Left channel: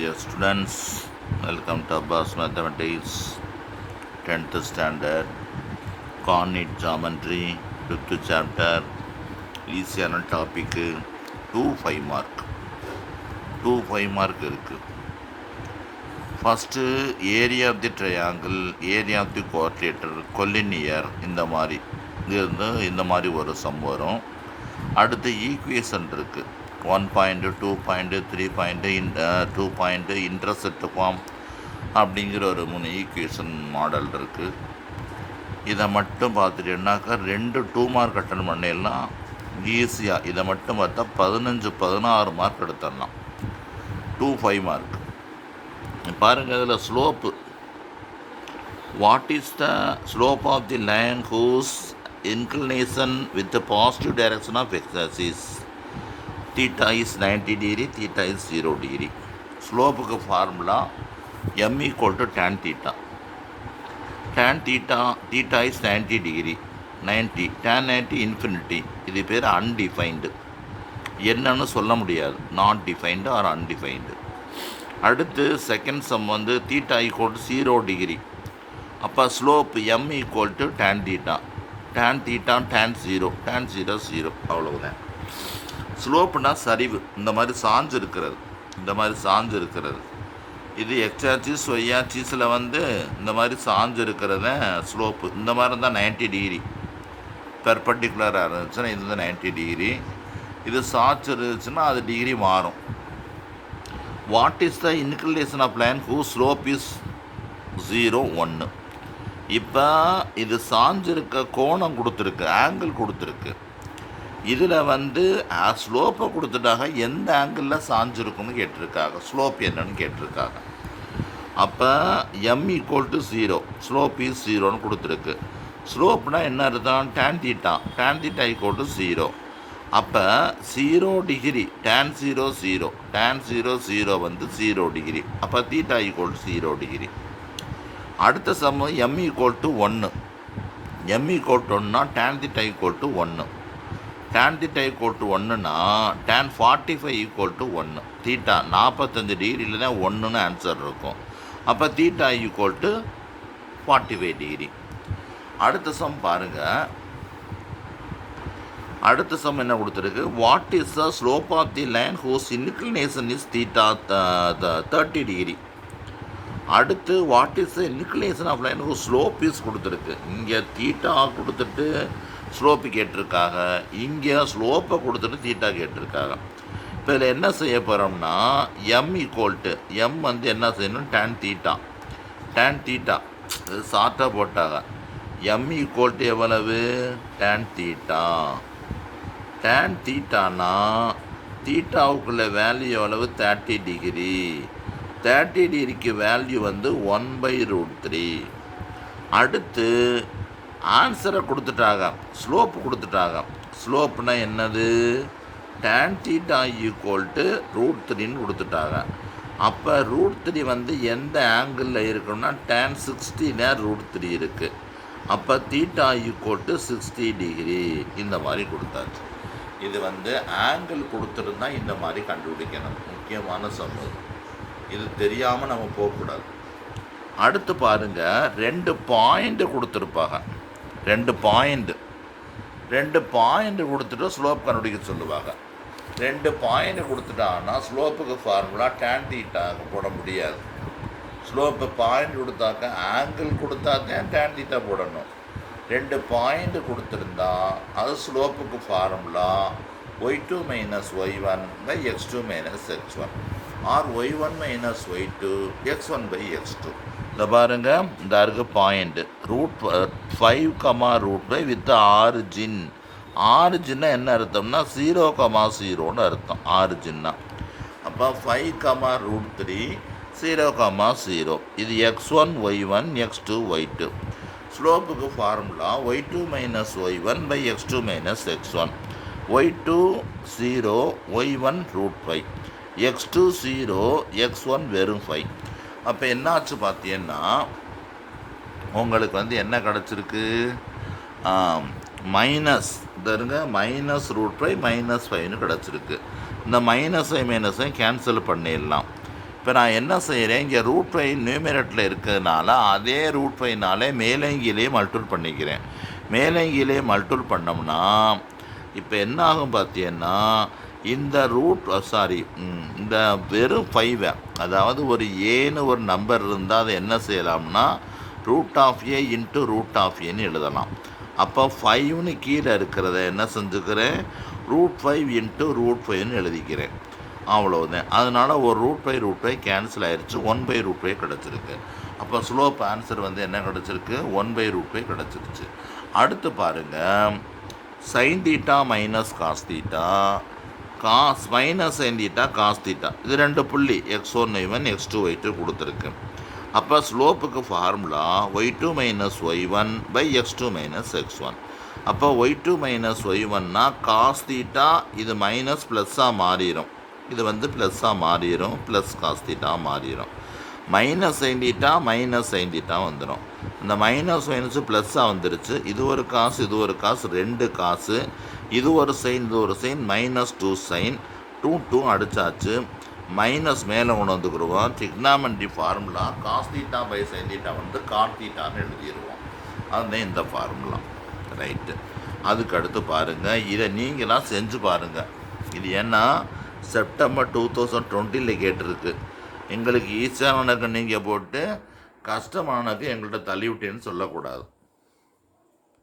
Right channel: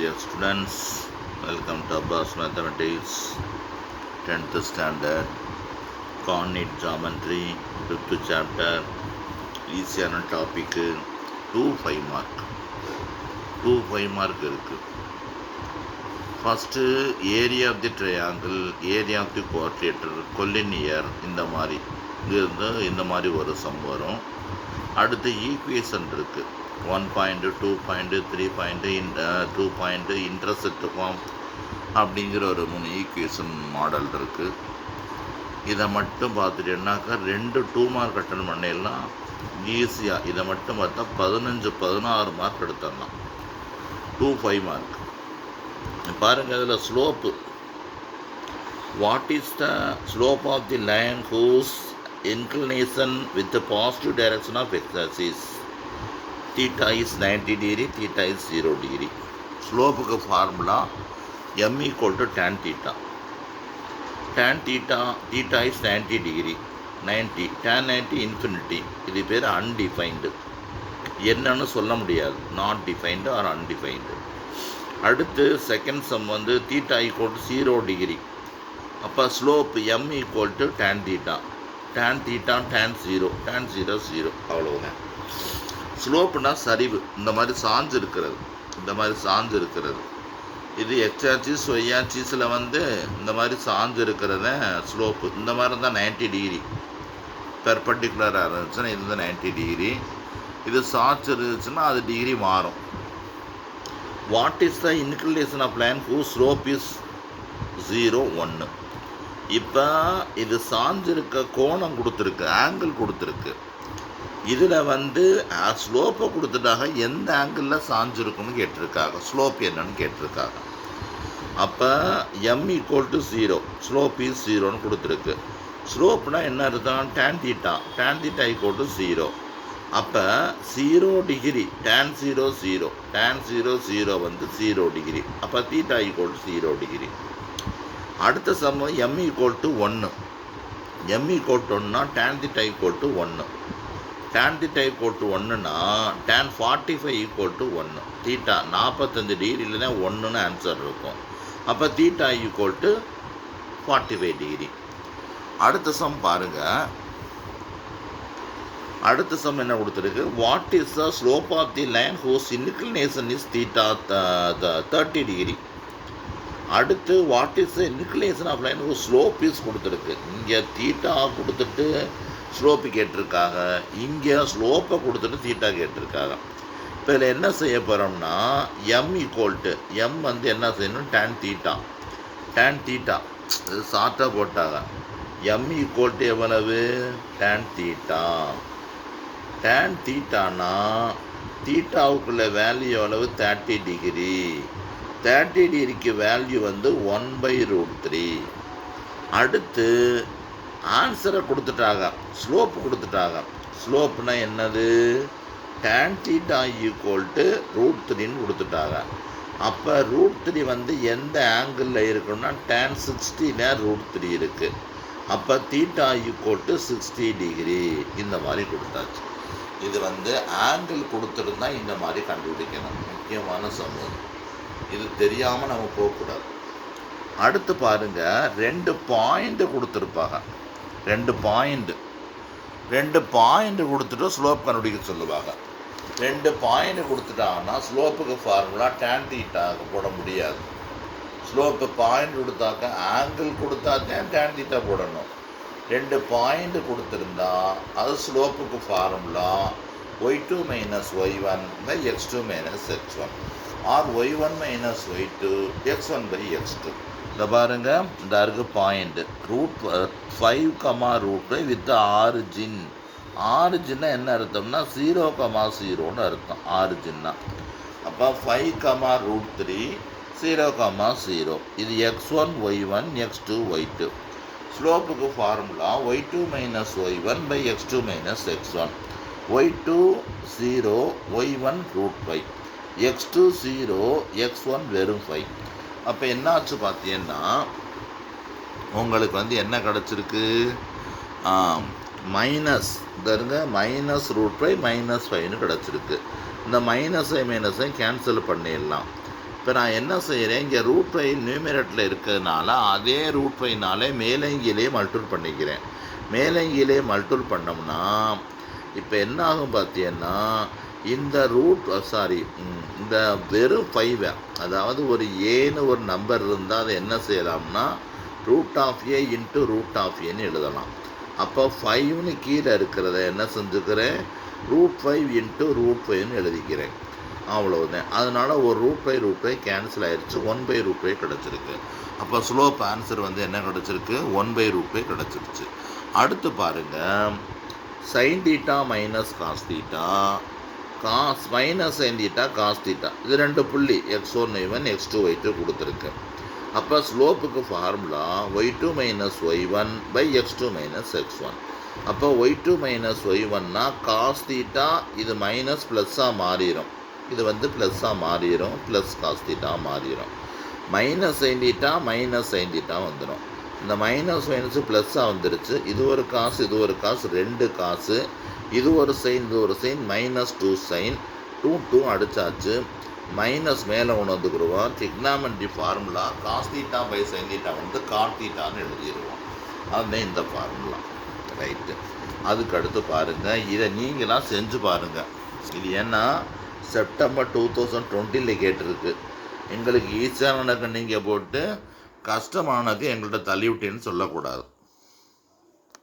Dear students, welcome to Abbas Mathematics 10th standard Coordinate Geometry 5th chapter ஈஸியான டாபிக்கு 5 mark 5 mark இருக்குது. First area of the triangle, area of the quadrilateral, collinear, இந்த மாதிரி இருந்து இந்த மாதிரி ஒரு சம் வரும். அடுத்து ஈக்குவேஷன் இருக்குது. 1 point, 2 point, 3 point, 2 point, intercept form அப்படிங்கிற ஒரு 3 ஈக்குவேஷன் மாடல் இருக்குது. இதை மட்டும் பார்த்துட்டீங்கன்னாக்கா 2 2 மார்க் அட்டன் பண்ணிடலாம் ஈஸியாக. இதை மட்டும் பார்த்தா 15-16 மார்க் எடுத்துடலாம். 5 மார்க். பாருங்கள், இதில் slope. What is the slope of the line whose inclination with the positive direction of x-axis? Theta is 90 degree, theta is 0 degree. ஸ்லோப்புக்கு formula m equal to tan theta. Tan theta, theta is 90 degree, 90, tan 90 infinity. இது பேர் undefined. என்னன்னு சொல்ல முடியாது, not defined or undefined. அடுத்து second sum வந்து theta equal to 0 degree. அப்போ slope m equal to tan theta. tan theta, tan 0, tan 0 0, அவ்வளவுதான். ஸ்லோப்புனா சரிவு, இந்த மாதிரி சாஞ்சு இருக்கிறது, இந்த மாதிரி சாஞ்சு இருக்கிறது. இது எக்ஸ் ஆக்சிஸ், ஒய் ஆக்சிஸில் வந்து இந்த மாதிரி சாஞ்சு இருக்கிறத ஸ்லோப்பு. இந்த மாதிரி தான் 90 டிகிரி பெர்பெண்டிகுலராக இருந்துச்சுன்னா இது 90 டிகிரி. இது சாய்ச்சி இருந்துச்சுன்னா அது டிகிரி மாறும். What is the inclination of line who slope is 0 1. இப்போ இது சாஞ்சிருக்க கோணம் கொடுத்துருக்கு, ஆங்கிள் கொடுத்துருக்கு. இதில் வந்து ஸ்லோப்பை கொடுத்துட்டாங்க, எந்த ஆங்கிளில் சாஞ்சிருக்குன்னு கேட்டிருக்காங்க, ஸ்லோப் என்னன்னு கேட்டிருக்காங்க. அப்போ m equal to 0, slope is 0ன்னு கொடுத்துருக்கு. ஸ்லோப்னால் என்ன அர்த்தம்? tan theta, tan theta equal to 0. அப்போ 0 டிகிரி, tan 0 0, tan 0 0 வந்து 0 டிகிரி. அப்போ தீட்டா ஈக்குவல் டு 0 டிகிரி. அடுத்த sum m equal to 1. m equal to 1னா tan theta equal to 1. tan theta equal to 1னா tan 45 ஈக்குவல் டு 1. தீட்டா 45 டிகிரியில் தான் 1ன்னு answer இருக்கும். அப்போ தீட்டா ஈக்குவல் டு 45 டிகிரி. அடுத்த சம் பாருங்கள். அடுத்த சம் என்ன கொடுத்துருக்கு? What is the slope of the line whose inclination is theta 30 degree. அடுத்து what is the inclination of line whose slope is கொடுத்துருக்கு. இங்கே தீட்டா கொடுத்துட்டு ஸ்லோப்பு கேட்டிருக்காங்க, இங்கே ஸ்லோப்பை கொடுத்துட்டு தீட்டா கேட்டிருக்காங்க. இப்போ இதில் என்ன செய்ய போகிறோம்னா m ஈக்குவல் டு m வந்து என்ன செய்யணும்? tan theta, tan theta இது ஷார்ட்டாக போட்டாங்க. m ஈக்குவல் டு எவ்வளவு? tan theta. tan thetaனா தீட்டாவுக்குள்ள வேல்யூ எவ்வளவு? 30 டிகிரி. 30 டிகிரிக்கு வேல்யூ வந்து 1/√3. அடுத்து ஆன்சரை கொடுத்துட்டாங்க, ஸ்லோப்பு கொடுத்துட்டாங்க. ஸ்லோப்புனா என்னது? tan theta ஈக்குவல் டு √3ன்னு கொடுத்துட்டாங்க. அப்போ √3 வந்து எந்த ஆங்கிளில் இருக்குன்னா tan 60ல √3 இருக்குது. அப்போ தீட்டா ஈக்குவல் டு 60 டிகிரி. இந்த மாதிரி கொடுத்தாச்சு. இது வந்து ஆங்கிள் கொடுத்துருந்தா இந்த மாதிரி கண்டுபிடிக்கணும். முக்கியமான சமூகம் இது தெரியாமல் நம்ம போகக்கூடாது. அடுத்து பாருங்கள், 2 பாயிண்ட்டு கொடுத்துருப்பாங்க. 2 பாயிண்ட் கொடுத்துட்டு ஸ்லோப் கண்டுபிடிக்க சொல்லுவாங்க. 2 பாயிண்ட் கொடுத்துட்டாங்கன்னா ஸ்லோப்புக்கு ஃபார்முலா tan தீட்டாவுக்கு போட முடியாது. ஸ்லோப்பு பாயிண்ட் கொடுத்தாக்க ஆங்கிள் கொடுத்தாக்க tan தீட்டா போடணும். 2 பாயிண்ட் கொடுத்துருந்தா அது ஸ்லோப்புக்கு formula y2 minus y1 by x2 minus x1 or y1 minus y2 x1 by x2. இந்த பாருங்க, இந்த இருக்கு பாயிண்ட் √5, வித் ஆரிஜின். ஆரிஜின்னா என்ன அர்த்தம்னா 0,0ன்னு அர்த்தம் ஆரிஜின்னா. அப்போ 5,√3, 0,0. இது x1 y1, x2 y2. ஸ்லோப்புக்கு formula y2 minus y1 by x2 minus x1. y2 0, y1 √5, x2 0, x1 வெறும் 5. அப்போ என்னாச்சு பார்த்தீங்கன்னா உங்களுக்கு வந்து என்ன கிடச்சிருக்கு? மைனஸ் தருங்க, -√5 -5ன்னு கிடச்சிருக்கு. இந்த மைனஸை கேன்சல் பண்ணிடலாம். இப்போ நான் என்ன செய்கிறேன், இங்கே ரூட் ஃபைவ் நியூமரேட்டரில் இருக்கிறதுனால அதே ரூட் ஃபைவ்னாலே மேலங்கிலே மல்டிபிள் பண்ணிக்கிறேன். மேலங்கிலே மல்டிபிள் பண்ணோம்னா இப்போ என்ன ஆகும் பார்த்தீங்கன்னா, இந்த இந்த வெறும் ஃபைவை, அதாவது ஒரு ஏன்னு ஒரு நம்பர் இருந்தால் அதை என்ன செய்யலாம்னா root of A into root of ஏன்னு எழுதலாம். அப்போ 5ன்னு கீழே இருக்கிறத என்ன செஞ்சுக்கிறேன், ரூட் 5 இன்ட்டு ரூட் 5ன்னு எழுதிக்கிறேன். அவ்வளோதான். அதனால் ஒரு ரூட் ஃபைவ் கேன்சல் ஆயிடுச்சு, 1/√5 கிடச்சிருக்கு. அப்போ ஸ்லோப் ஆன்சர் வந்து என்ன கிடச்சிருக்கு, 1/√5 கிடச்சிருச்சு. அடுத்து பாருங்கள், sine theta minus cos theta, minus sine theta cos theta, இது 2 புள்ளி x1y1 x2 y2 கொடுத்துருக்கு. அப்போ ஸ்லோப்புக்கு formula y2 minus y1 by x2 minus x1. அப்போ y2 மைனஸ் y1னா காஸ் தீட்டா, இது மைனஸ் ப்ளஸ்ஸாக மாறிடும், இது வந்து ப்ளஸ்ஸாக மாறிடும், ப்ளஸ் காஸ் தீட்டா மாறிடும். Minus sine theta minus sine theta வந்துடும். இந்த மைனஸ் மைனஸு ப்ளஸ்ஸாக வந்துருச்சு. இது ஒரு காசு, இது ஒரு காசு, 2 காசு. இது ஒரு சைன், இது ஒரு சைன், மைனஸ் 2 சைன், 2 அடித்தாச்சு. மைனஸ் மேலே கொண்டு வந்துக்கிடுவோம். Trigonometry formula cos theta by sine theta வந்து காட் தீட்டான்னு எழுதிடுவோம். அதுதான் இந்த ஃபார்முலா. ரைட்டு. அதுக்கு அடுத்து பாருங்கள், இதை நீங்களாம் செஞ்சு பாருங்கள். இது ஏன்னா செப்டம்பர் 2020 கேட்டிருக்கு. எங்களுக்கு ஈஸியானக்கு நீங்கள் போட்டு கஷ்டமானக்கு எங்கள்கிட்ட தள்ளிவிட்டேன்னு சொல்லக்கூடாது.